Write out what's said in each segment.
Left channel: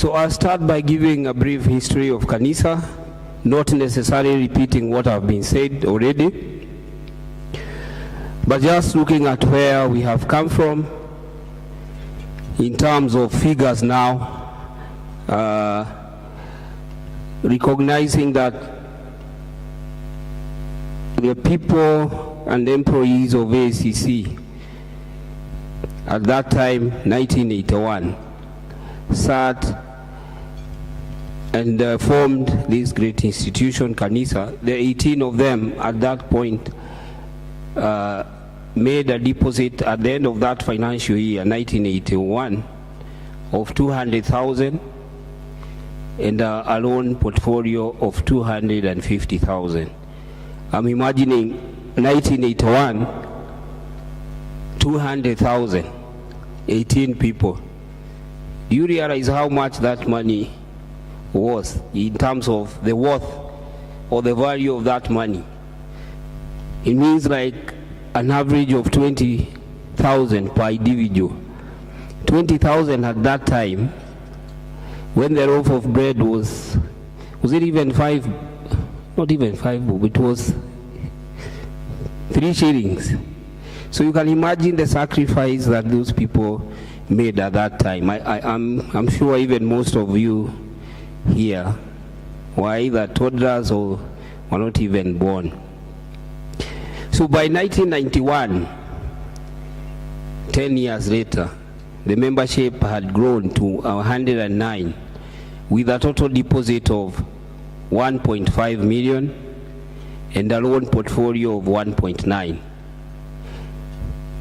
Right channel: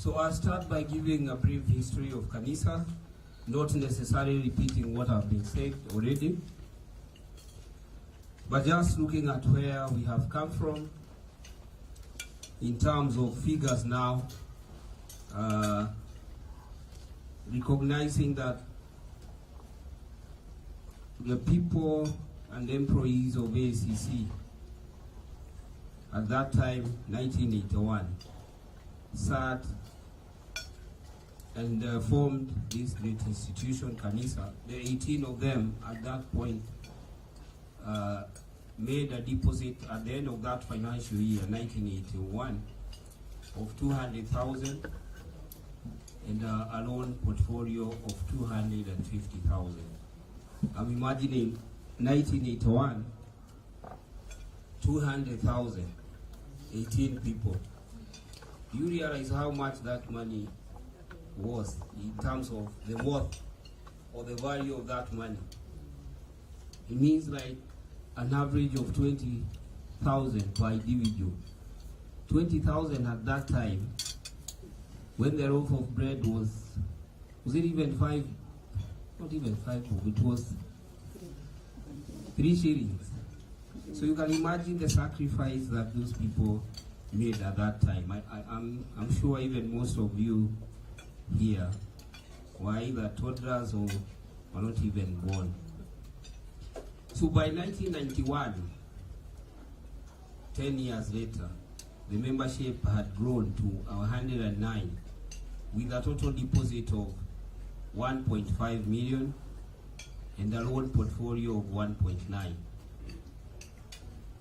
So I'll start by giving a brief history of Kanisa, not necessarily repeating what have been said already, but just looking at where we have come from in terms of figures now, recognizing that the people and employees of ACC at that time, 1981, sat and formed this great institution, Kanisa. The 18 of them at that point made a deposit at the end of that financial year, 1981, of 200,000 and a loan portfolio of 250,000. I'm imagining 1981, 200,000, 18 people. Do you realize how much that money was in terms of the worth or the value of that money? It means like an average of 20,000 per individual. 20,000 at that time, when the loaf of bread was it even 5, not even 5, it was 3 shillings. So you can imagine the sacrifice that those people made at that time. I'm sure even most of you here were either toddlers or were not even born. So by 1991, 10 years later, the membership had grown to 109 with a total deposit of 1.5 million and a loan portfolio of 1.9.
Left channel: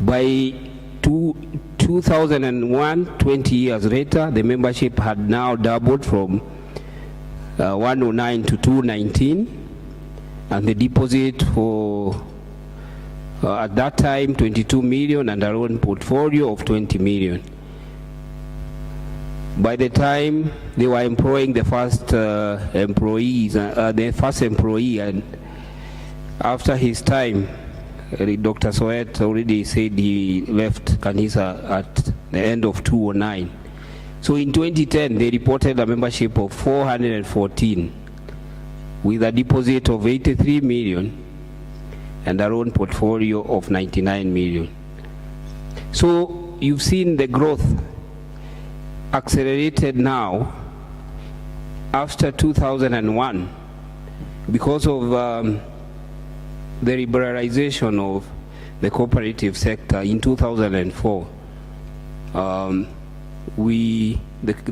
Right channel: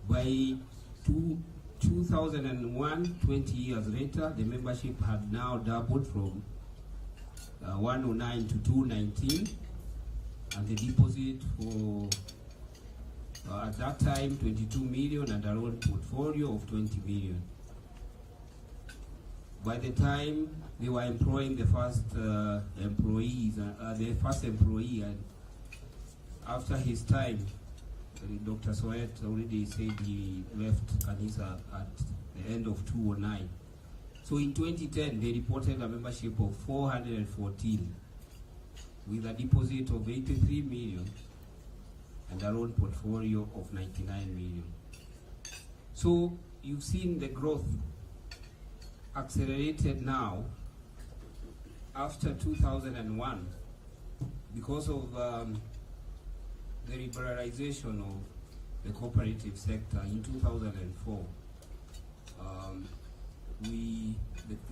By 2001, 20 years later, the membership had now doubled from 109 to 219, and the deposit for at that time 22 million and a loan portfolio of 20 million. By the time they were employing the first employee, and after his time, Dr. Soet already said he left Kanisa at the end of 2009. So in 2010, they reported a membership of 414 with a deposit of 83 million and a loan portfolio of 99 million. So you've seen the growth accelerated now after 2001 because of the liberalization of the cooperative sector in 2004. The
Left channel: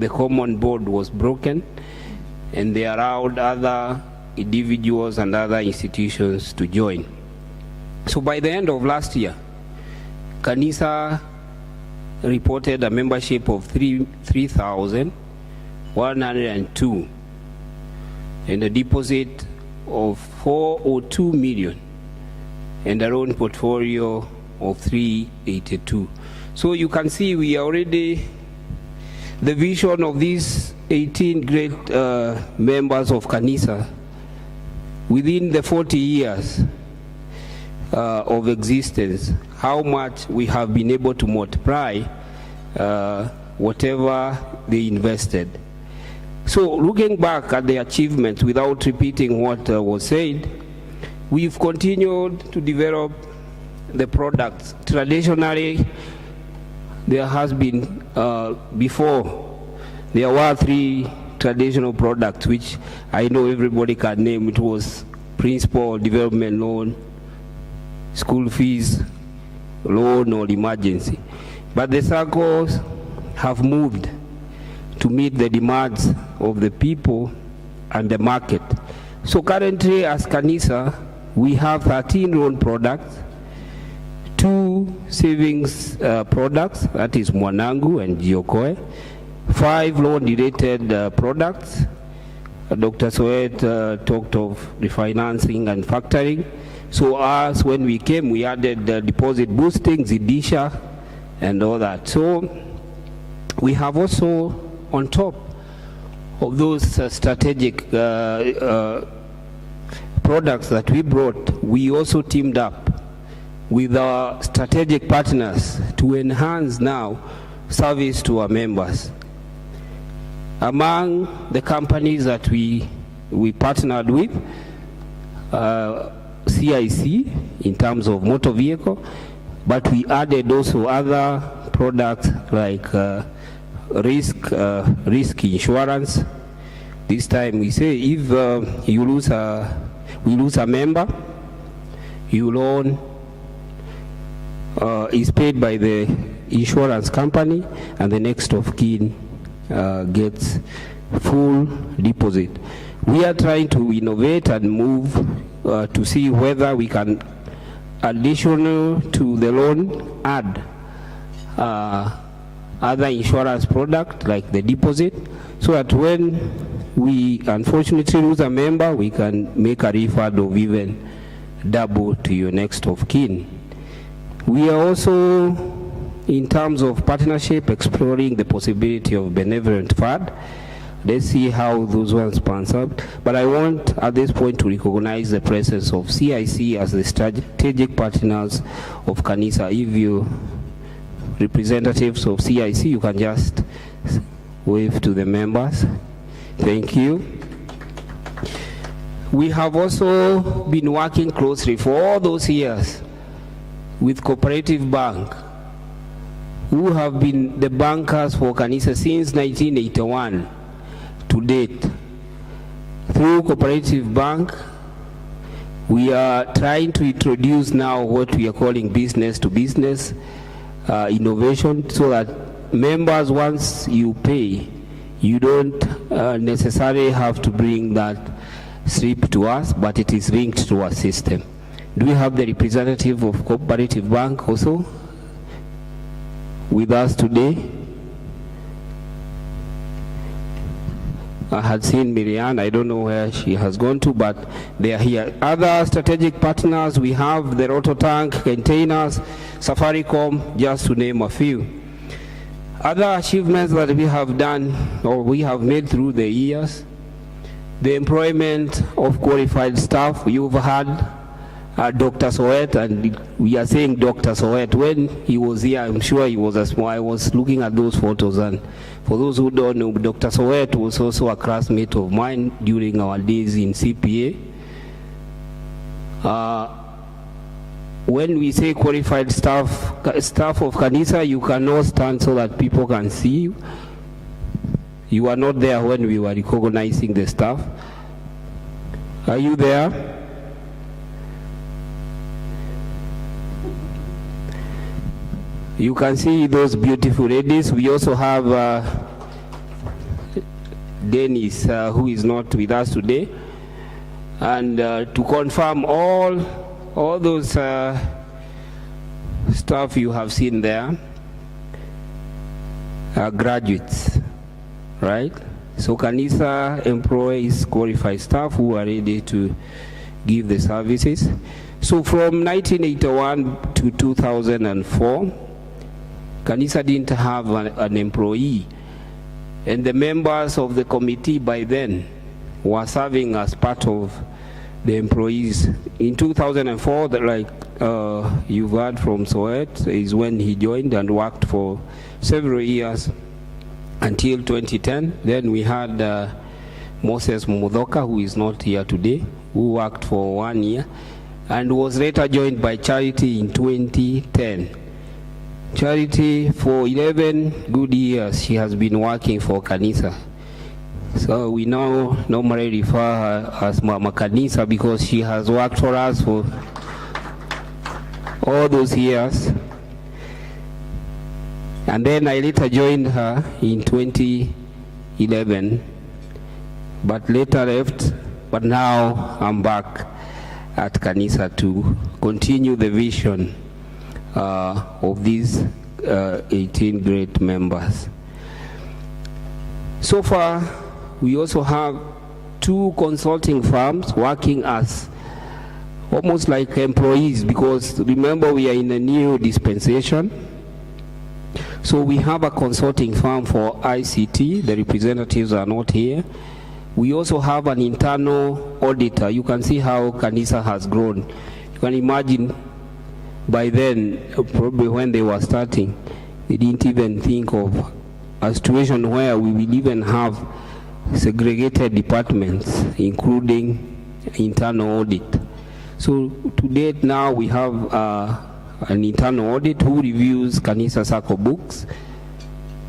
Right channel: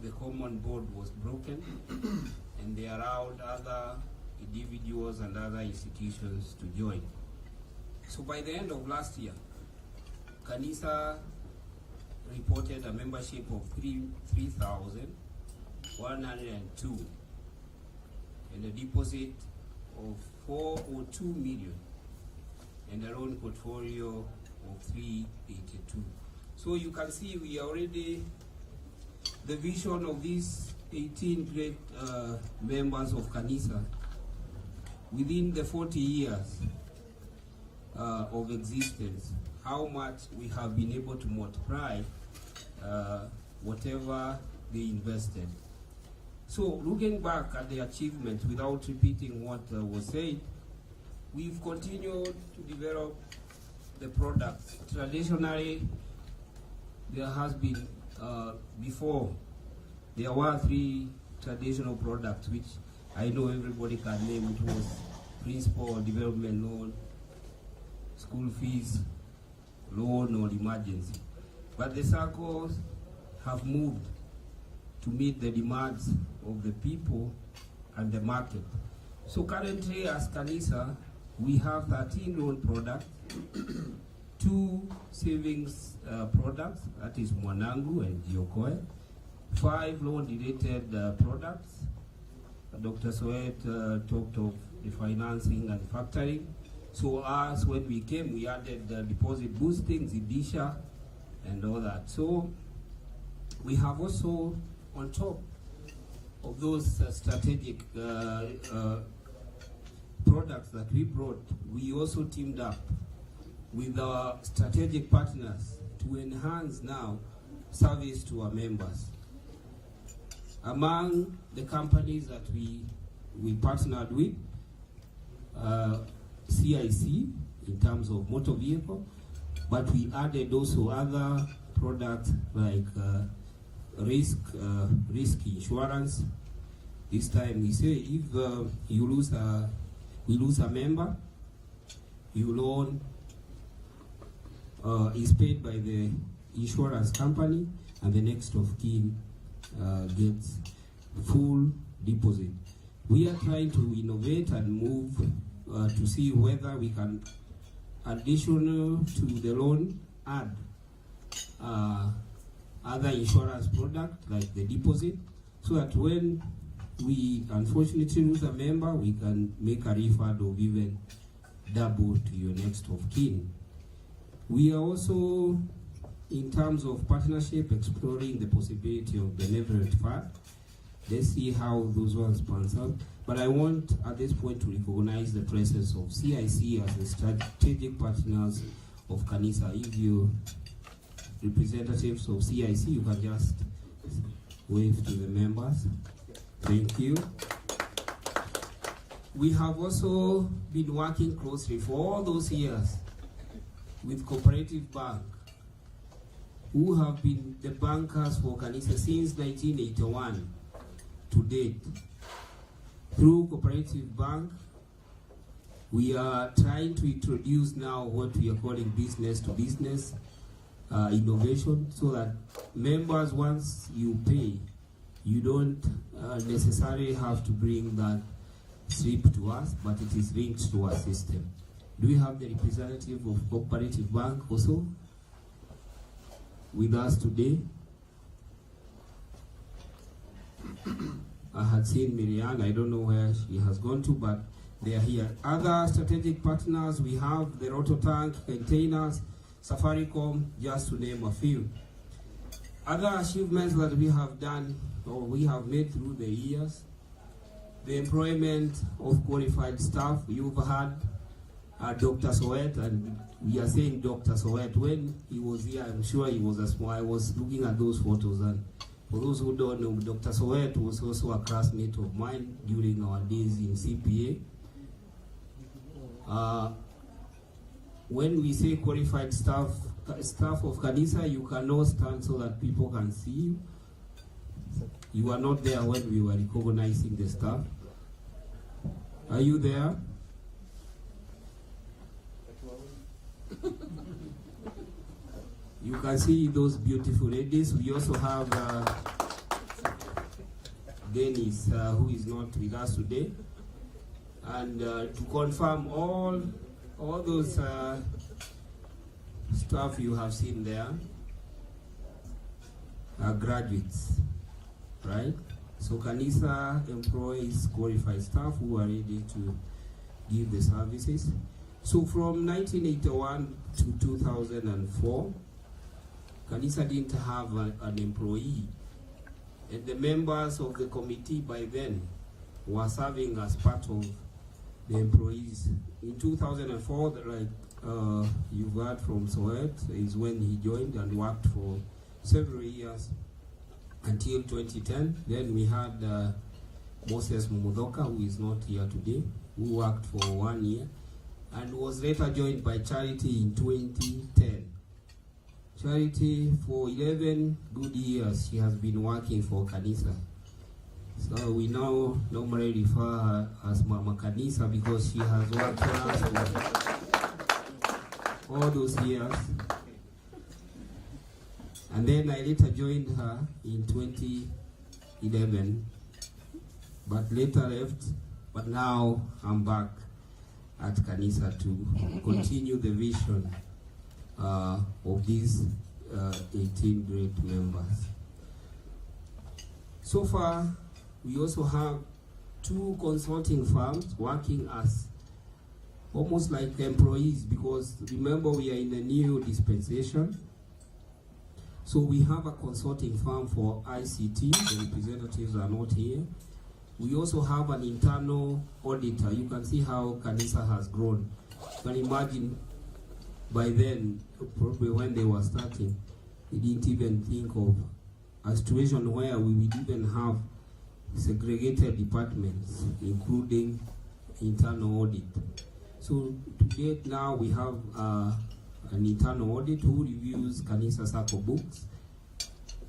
common board was broken, and they allowed other individuals and other institutions to join. So by the end of last year, Kanisa reported a membership of 3,102 and a deposit of 402 million and a loan portfolio of 382. So you can see we are already, the vision of these 18 great members of Kanisa within the 40 years of existence, how much we have been able to multiply whatever they invested. So looking back at the achievements without repeating what was said, we've continued to develop the products. Traditionally, there has been, before, there were 3 traditional products which I know everybody can name. It was principal development loan, school fees loan, or emergency. But the SACCOs have moved to meet the demands of the people and the market. So currently as Kanisa, we have 13 loan products, 2 savings products, that is Mwangi and Jiokoe, 5 loan-related products. Dr. Soet talked of refinancing and factoring. So as when we came, we added deposit boosting, Zidisha, and all that. So we have also, on top of those strategic products that we brought, we also teamed up with our strategic partners to enhance now service to our members. Among the companies that we partnered with, CIC in terms of motor vehicle, but we added also other products like risk insurance. This time we say if we lose a member, your loan is paid by the insurance company, and the next of kin gets full deposit. We are trying to innovate and move to see whether we can, additional to the loan, add other insurance product like the deposit, so that when we unfortunately lose a member, we can make a refund of even double to your next of kin. We are also, in terms of partnership, exploring the possibility of benevolent fund. Let's see how those ones pans out. But I want at this point to recognize the presence of CIC as the strategic partners of Kanisa. If you representatives of CIC, you can just wave to the members. Thank you. We have also been working closely for all those years with Cooperative Bank, who have been the bankers for Kanisa since 1981 to date. Through Cooperative Bank, we are trying to introduce now what we are calling business to business innovation, so that members, once you pay, you don't necessarily have to bring that slip to us, but it is linked to our system. Do we have the representative of Cooperative Bank also with us today? I had seen Miriam, I don't know where she has gone to, but they are here. Other strategic partners, we have the Rototank containers, Safaricom, just to name a few. Other achievements that we have done or we have made through the years, the employment of qualified staff. You've had Dr. Soet, and we are saying Dr. Soet. When he was here, I'm sure he was a small. I was looking at those photos, and for those who don't know, Dr. Soet was also a classmate of mine during our days in CPA. When we say qualified staff of Kanisa, you cannot stand so that people can see you. You were not there when we were recognizing the staff. Are you there? You can see those beautiful ladies. We also have Dennis, who is not with us today. And to confirm all those stuff you have seen there are graduates, right? So Kanisa employs qualified staff who are ready to give the services. So from 1981 to 2004, Kanisa didn't have an employee, and the members of the committee by then were serving as part of the employees. In 2004, like you've heard from Soet, is when he joined and worked for several years until 2010. Then we had Moses Mudoka, who is not here today, who worked for 1 year and was later joined by Charity in 2010. Charity, for 11 good years, she has been working for Kanisa. So we now normally refer her as Mama Kanisa because she has worked for us for all those years. And then I later joined her in 2011, but later left, but now I'm back at Kanisa to continue the vision of these 18 great members. So far, we also have 2 consulting firms working as almost like employees, because remember we are in a new dispensation. So we have a consulting firm for ICT, the representatives are not here. We also have an internal auditor. You can see how Kanisa has grown. You can imagine by then, probably when they were starting, they didn't even think of a situation where we will even have segregated departments, including internal audit. So to date now we have an internal audit who reviews KanisaSACCO books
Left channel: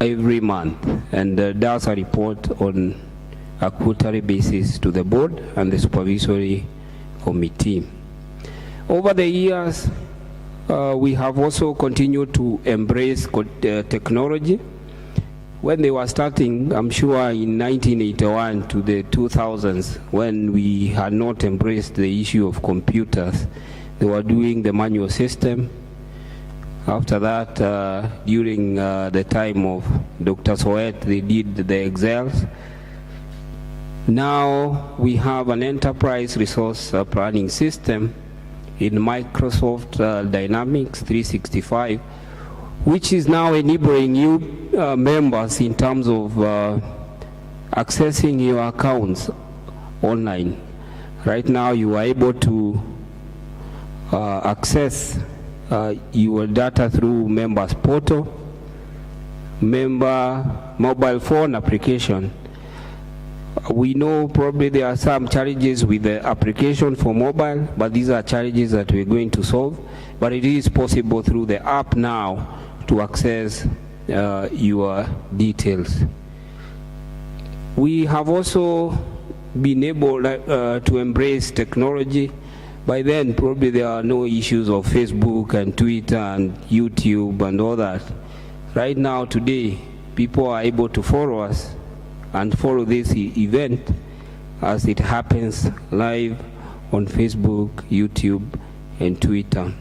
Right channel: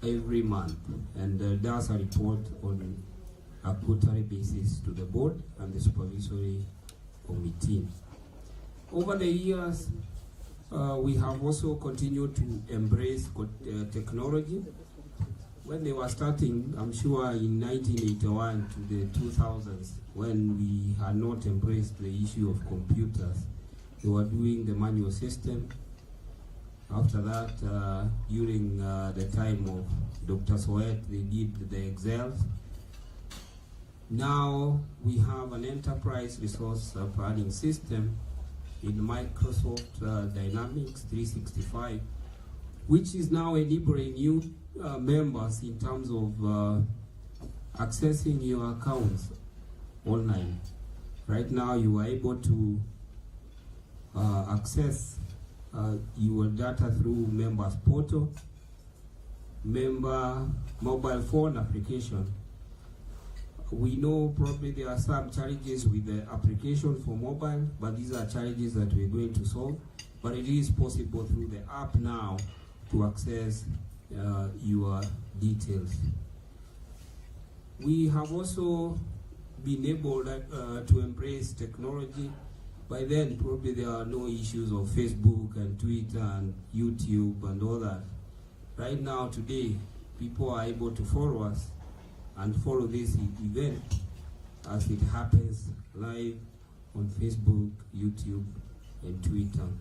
every month and does a report on a quarterly basis to the board and the supervisory committee. Over the years, we have also continued to embrace technology. When they were starting, I'm sure in 1981 to the 2000s, when we had not embraced the issue of computers, they were doing the manual system. After that, during the time of Dr. Soet, they did the Excels. Now we have an enterprise resource planning system in Microsoft Dynamics 365, which is now enabling you members in terms of accessing your accounts online. Right now you are able to access your data through members portal, member mobile phone application. We know probably there are some challenges with the application for mobile, but these are challenges that we're going to solve. But it is possible through the app now to access your details. We have also been able to embrace technology. By then, probably there are no issues of Facebook and Twitter and YouTube and all that. Right now, today, people are able to follow us and follow this event as it happens live on Facebook, YouTube, and Twitter.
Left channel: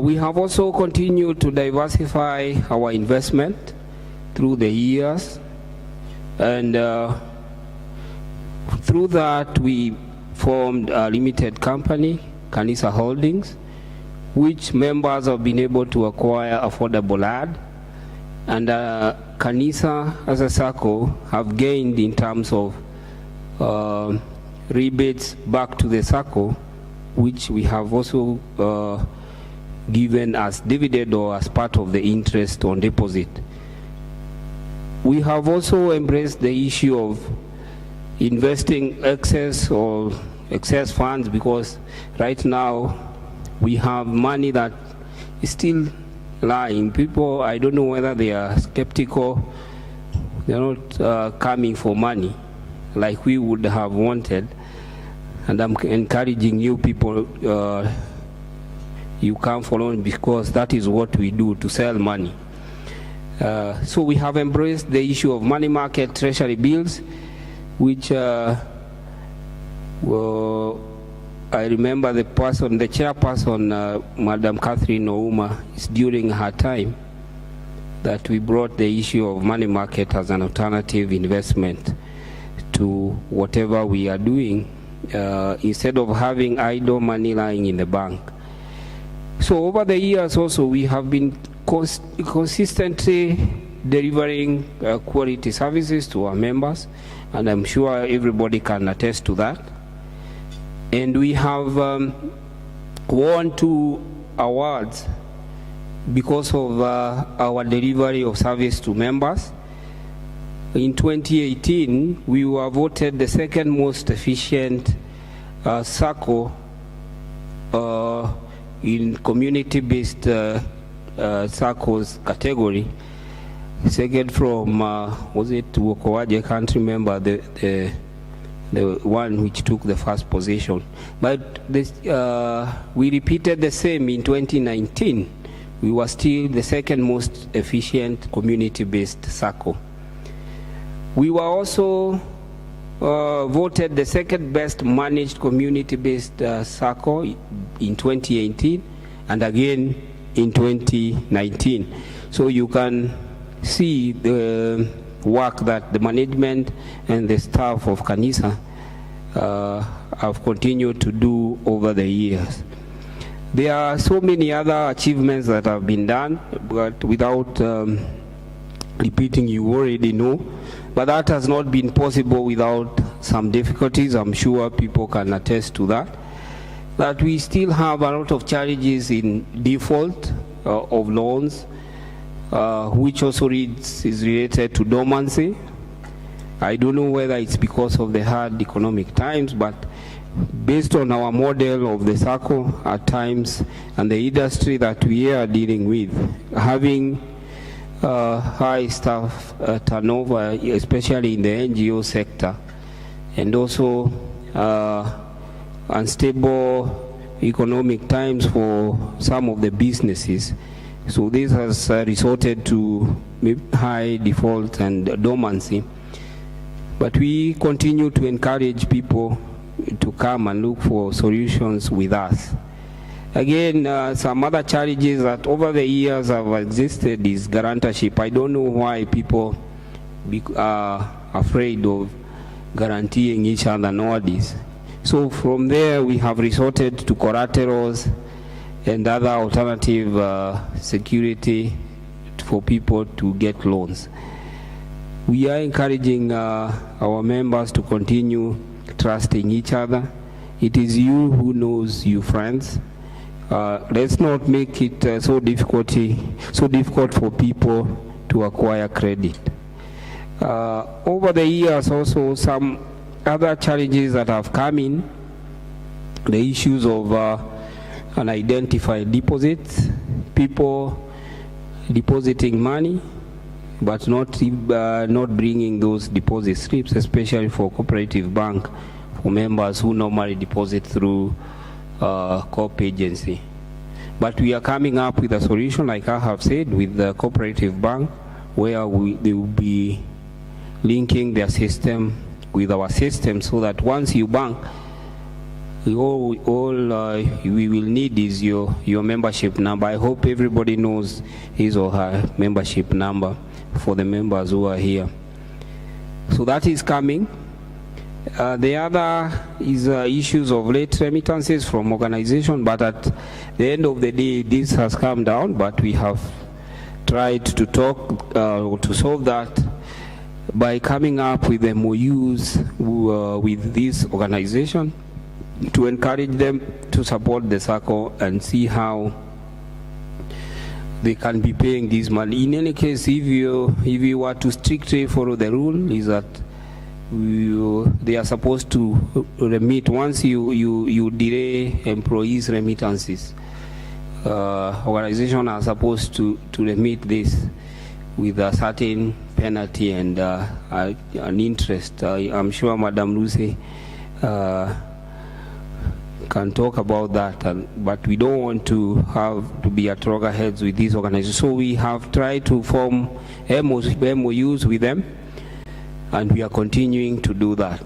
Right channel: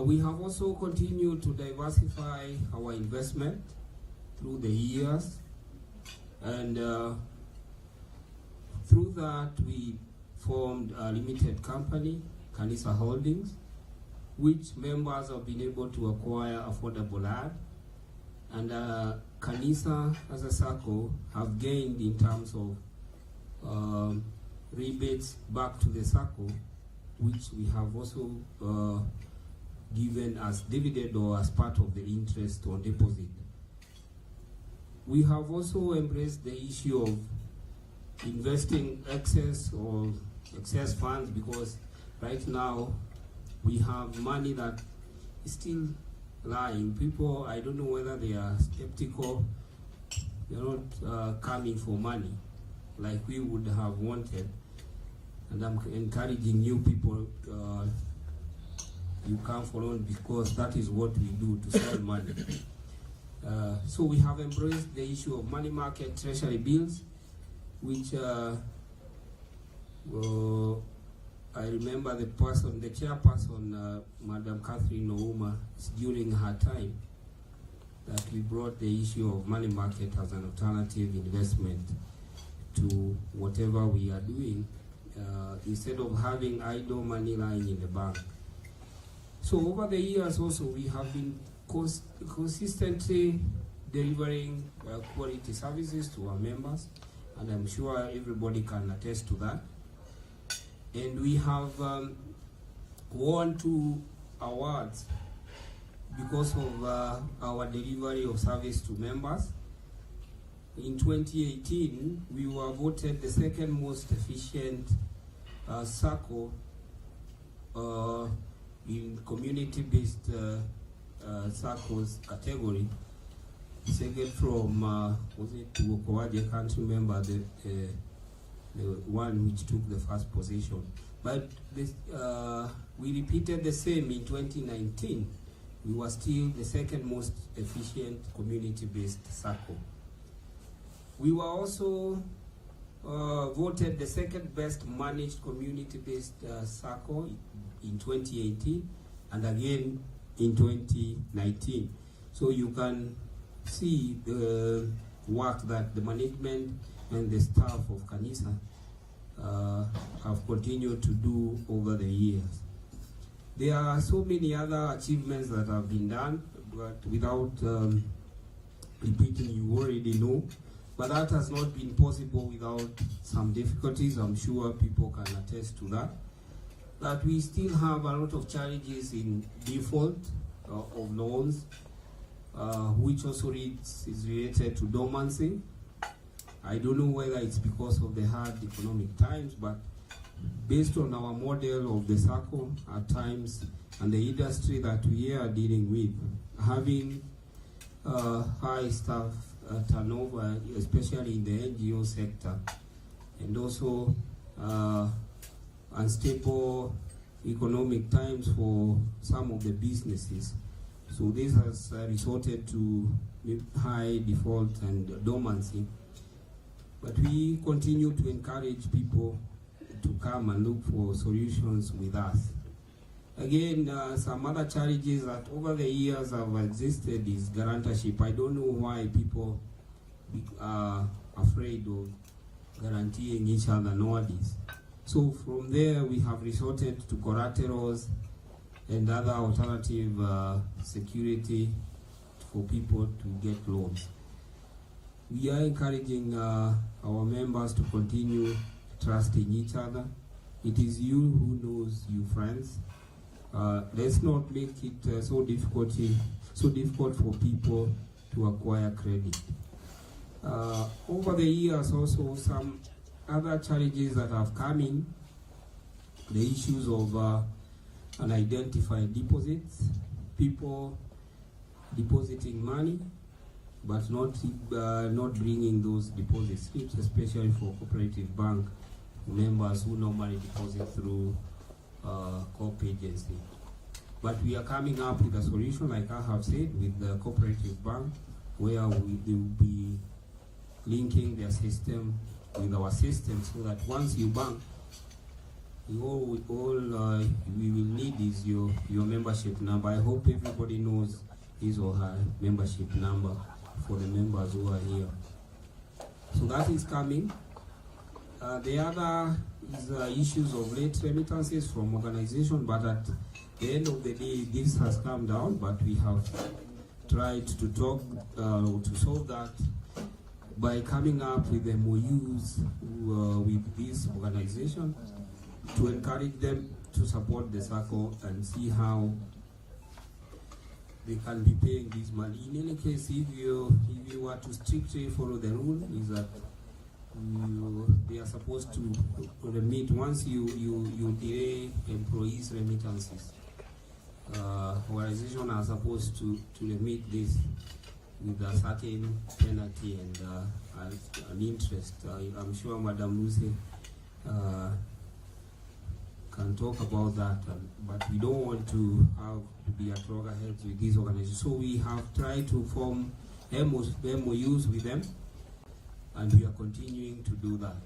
We have also continued to diversify our investment through the years, and through that we formed a limited company, Kanisa Holdings, which members have been able to acquire affordable land, and Kanisa SACCO have gained in terms of rebates back to the SACCO, which we have also given as dividend or as part of the interest on deposit. We have also embraced the issue of investing excess funds, because right now we have money that is still lying. People, I don't know whether they are skeptical, they're not coming for money like we would have wanted, and I'm encouraging you people, you come for loan, because that is what we do, to sell money. So we have embraced the issue of money market treasury bills, which I remember the chairperson, Madam Catherine Ouma, is during her time that we brought the issue of money market as an alternative investment to whatever we are doing, instead of having idle money lying in the bank. So over the years also, we have been consistently delivering quality services to our members, and I'm sure everybody can attest to that. And we have won 2 awards because of our delivery of service to members. In 2018, we were voted the second most efficient SACCO in community-based SACCOs category. Second from, was it Wokowaje country member, the one which took the first position. But this, we repeated the same in 2019. We were still the second most efficient community-based SACCO. We were also voted the second best managed community-based SACCO in 2018, and again in 2019. So you can see the work that the management and the staff of Kanisa have continued to do over the years. There are so many other achievements that have been done, but without repeating, you already know. But that has not been possible without some difficulties. I'm sure people can attest to that. That we still have a lot of challenges in default of loans. which also is related to dormancy. I don't know whether it's because of the hard economic times, but based on our model of the SACCO at times and the industry that we are dealing with, having high staff turnover, especially in the NGO sector, and also unstable economic times for some of the businesses. So this has resulted to high default and dormancy. But we continue to encourage people to come and look for solutions with us. Again, some other challenges that over the years have existed is guarantorship. I don't know why people are afraid of guaranteeing each other nowadays. So from there, we have resorted to collaterals and other alternative security for people to get loans. We are encouraging our members to continue trusting each other. It is you who knows you friends. Let's not make it so difficult for people to acquire credit. Over the years also, some other challenges that have come in, the issues of unidentified deposits, people depositing money but not bringing those deposit slips, especially for cooperative bank, for members who normally deposit through co-op agency. But we are coming up with a solution, like I have said, with the cooperative bank, where they will be linking their system with our system, so that once you bank, all we will need is your membership number. I hope everybody knows his or her membership number for the members who are here. So that is coming. The other is issues of late remittances from organization, but at the end of the day, this has come down, but we have tried to talk to solve that by coming up with MOUs with this organization to encourage them to support the SACCO and see how they can be paying this money. In any case, if you were to strictly follow the rule, is that they are supposed to remit once you delay employees' remittances. Organizations are supposed to remit this with a certain penalty and an interest. I'm sure Madam Lucy can talk about that, but we don't want to have to be at loggerheads with these organizations. So we have tried to form MOUs with them, and we are continuing to do that.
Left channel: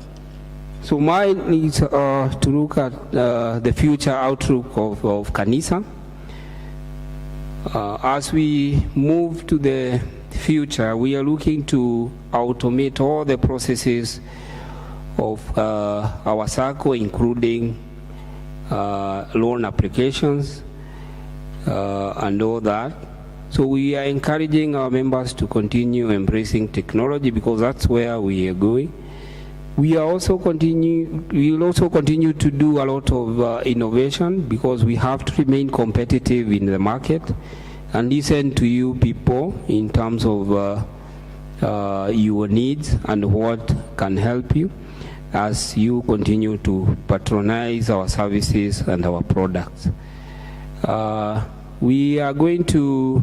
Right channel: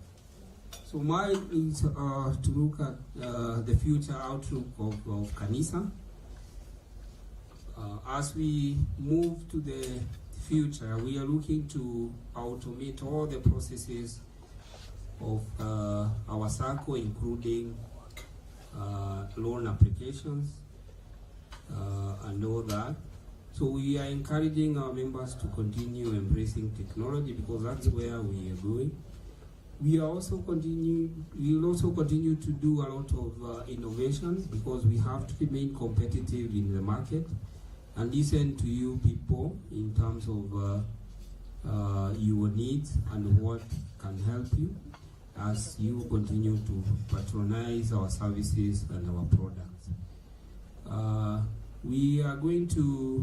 So mine is to look at the future outlook of Kanisa. As we move to the future, we are looking to automate all the processes of our SACCO, including loan applications and all that. So we are encouraging our members to continue embracing technology, because that's where we are going. We will also continue to do a lot of innovation, because we have to remain competitive in the market and listen to you people in terms of your needs and what can help you as you continue to patronize our services and our products. We are going to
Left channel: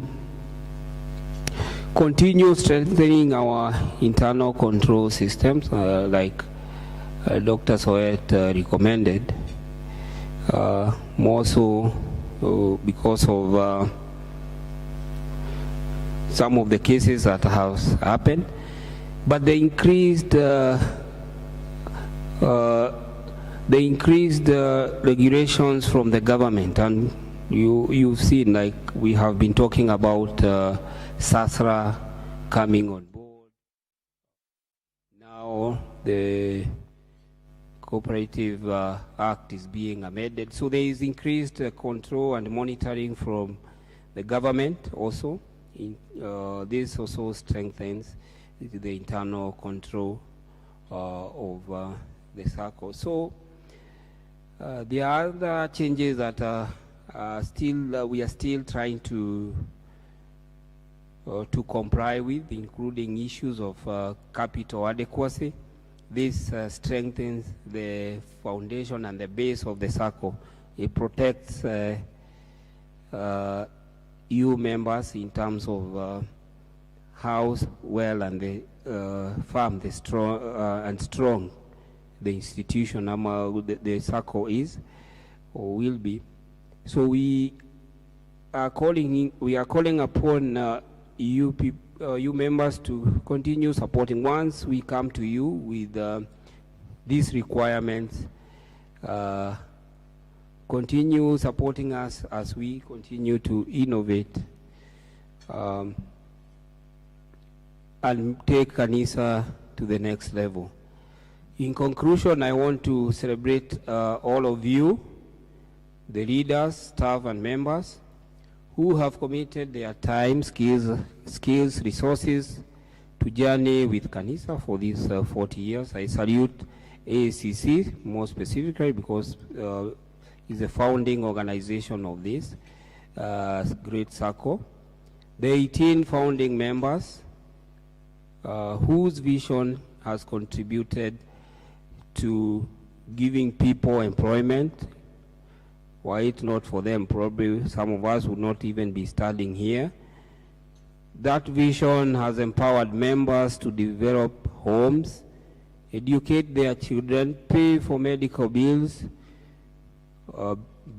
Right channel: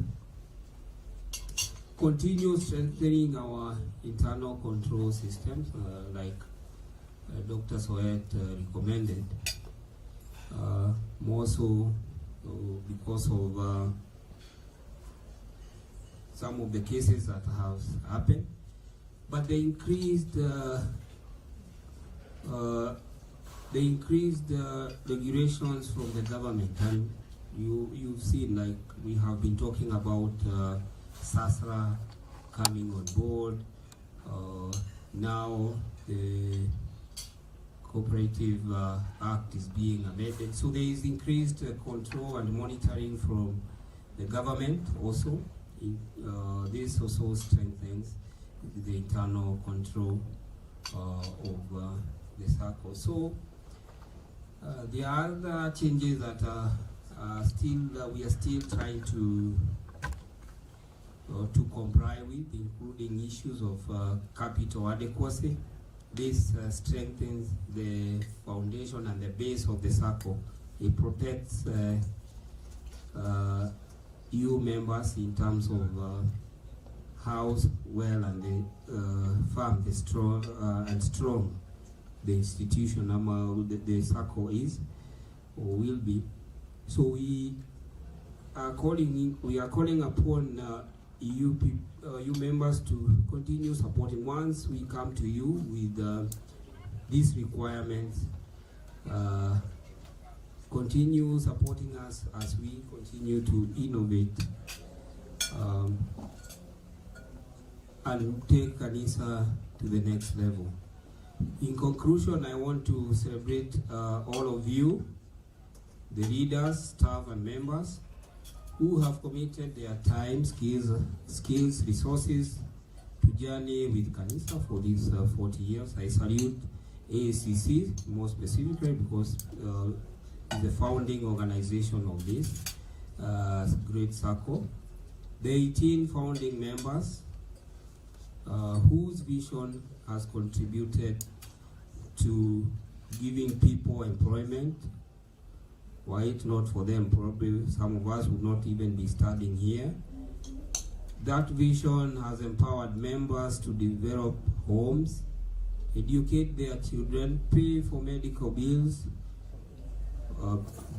continue strengthening our internal control systems, like Dr. Soet recommended, more so because of some of the cases that have happened, but the increased regulations from the government, and you've seen, like we have been talking about SASRA coming on board. Now the Cooperative Act is being amended, so there is increased control and monitoring from the government also. This also strengthens the internal control of the SACCO. So there are other changes that we are still trying to to comply with, including issues of capital adequacy. This strengthens the foundation and the base of the SACCO. It protects EU members in terms of how well and the firm, the strong and strong the institution the SACCO is or will be. So we are calling upon EU members to continue supporting. Once we come to you with these requirements, continue supporting us as we continue to innovate and take Kanisa to the next level. In conclusion, I want to celebrate all of you, the leaders, staff, and members who have committed their time, skills, resources to journey with Kanisa for these 40 years. I salute AACC more specifically because it's the founding organization of this great SACCO. The 18 founding members whose vision has contributed to giving people employment. Were it not for them, probably some of us would not even be studying here. That vision has empowered members to develop homes, educate their children, pay for medical bills,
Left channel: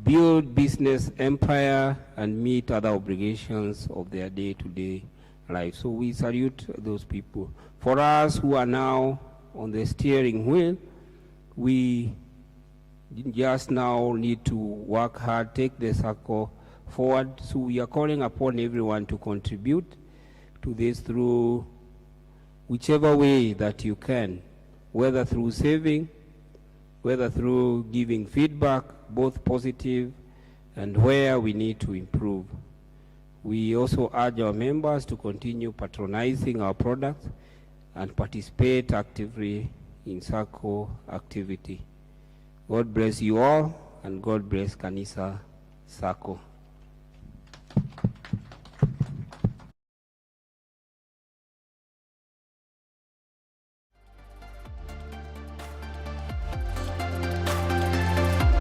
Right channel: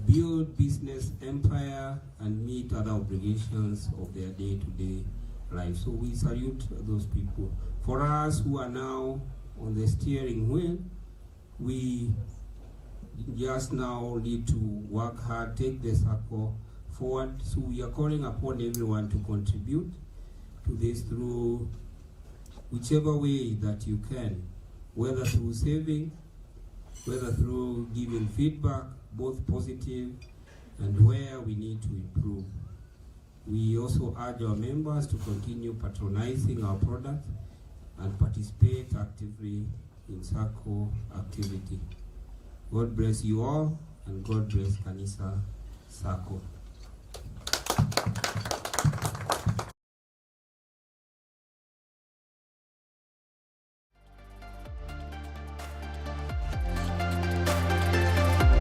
build business empire, and meet other obligations of their day-to-day life. So we salute those people. For us who are now on the steering wheel, we just now need to work hard, take the SACCO forward. So we are calling upon everyone to contribute to this through whichever way that you can, whether through saving, whether through giving feedback, both positive and where we need to improve. We also urge our members to continue patronizing our products and participate actively in SACCO activity. God bless you all, and God bless Kanisa SACCO.